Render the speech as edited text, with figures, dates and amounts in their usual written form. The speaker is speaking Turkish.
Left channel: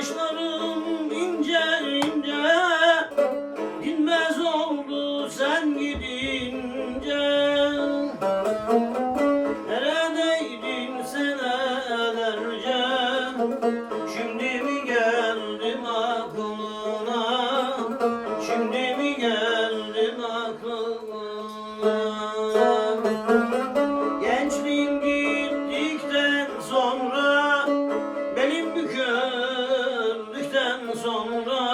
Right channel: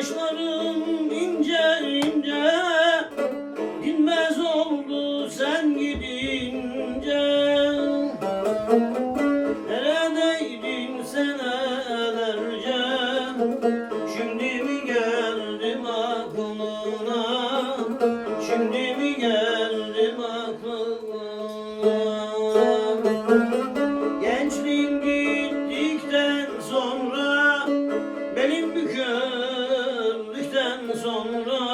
Saçlarım ince ince, dinmez oldu sen gidince. Neredeydin senelerce, şimdi mi geldim aklına, şimdi mi geldim aklına. Gençliğim gittikten sonra, belim büküldükten sonra,